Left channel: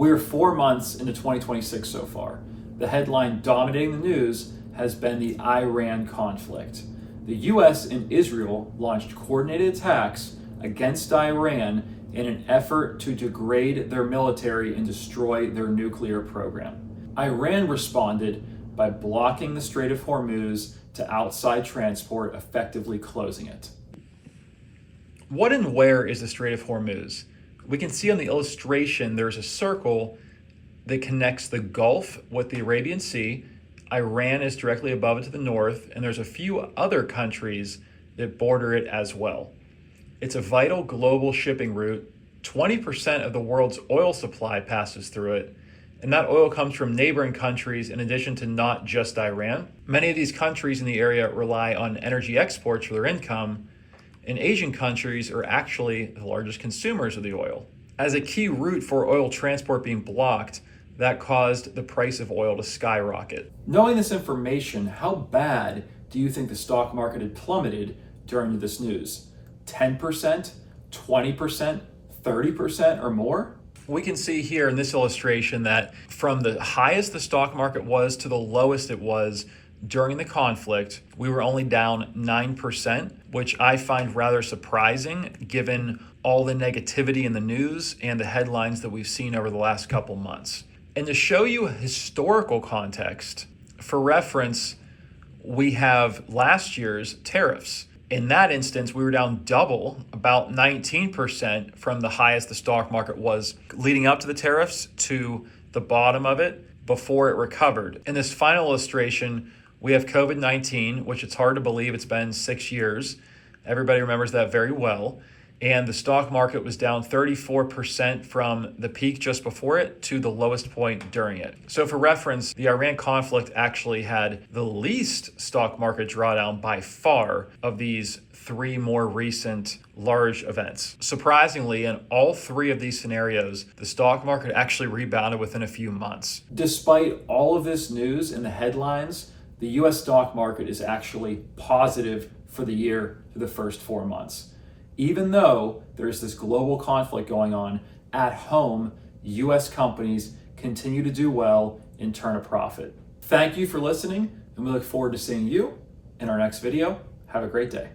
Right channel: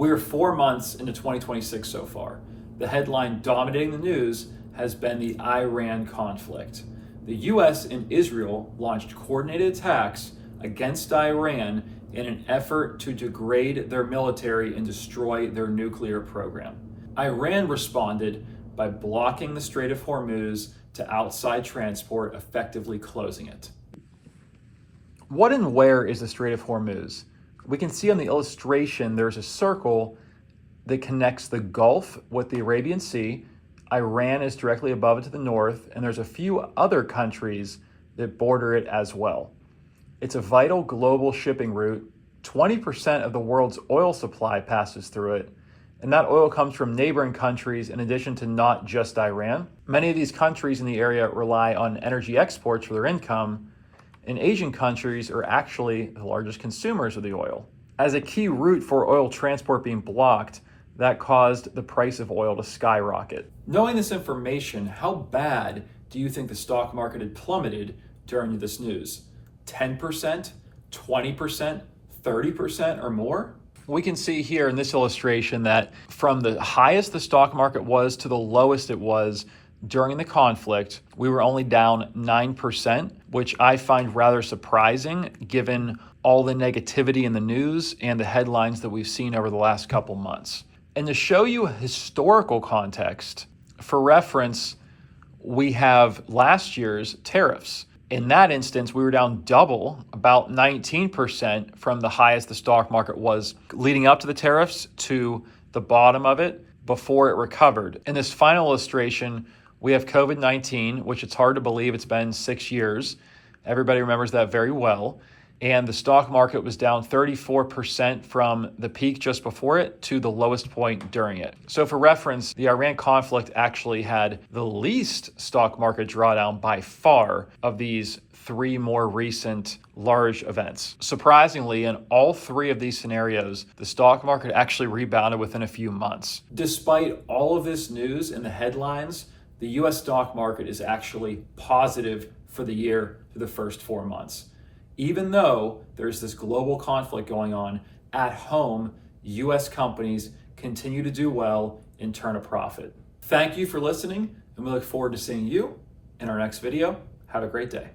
We're 4 months into 2026 so far. The headline dominating the news has been the Iran conflict. The US and Israel launched coordinated attacks against Iran in an effort to degrade their military and destroy their nuclear program. Iran responded by blocking the Strait of Hormuz to outside transport, effectively closing it. What and where is the Strait of Hormuz? We can see on the illustration there's a circle that connects the Gulf with the Arabian Sea. Iran is directly above it to the north, and there's a few other countries that border it as well. It's a vital global shipping route. 20% of the world's oil supply passes through it, and that oil comes from neighboring countries in addition to not just Iran. Many of these countries in the area rely on energy exports for their income, and Asian countries are actually the largest consumers of the oil. As a key route for oil transport being blocked, that caused the price of oil to skyrocket. Knowing this information, how bad do you think the stock market had plummeted during this news? 10%, 20%, 30% or more? We can see here in this illustration that from the highest the stock market was to the lowest it was during the conflict, we were only down 9%, which I find rather surprising given all the negativity in the news and the headlines that we've seen over the last couple months. And to show you historical context, for reference, we have last year's tariffs. In that instance, we were down double, about 19% from the highest the stock market was leading up to the tariffs to the bottom of it before it recovered. In this final illustration, we have COVID-19, which it's hard to believe it's been 6 years. Everybody remembers that very well. And the stock market was down 34% from the peak just before it to the lowest point during it. So for reference, the Iran conflict actually had the least stock market drawdown by far of these 3 more recent large events. Surprisingly, in all 3 of these scenarios, the stock market actually rebounded within a few months. Despite all of this news in the headlines, the US stock market is actually positive for the year through the first 4 months. Even though there's this global conflict going on, at home, US companies continue to do well and turn a profit. Thank you for listening, and we look forward to seeing you in our next video. Have a great day.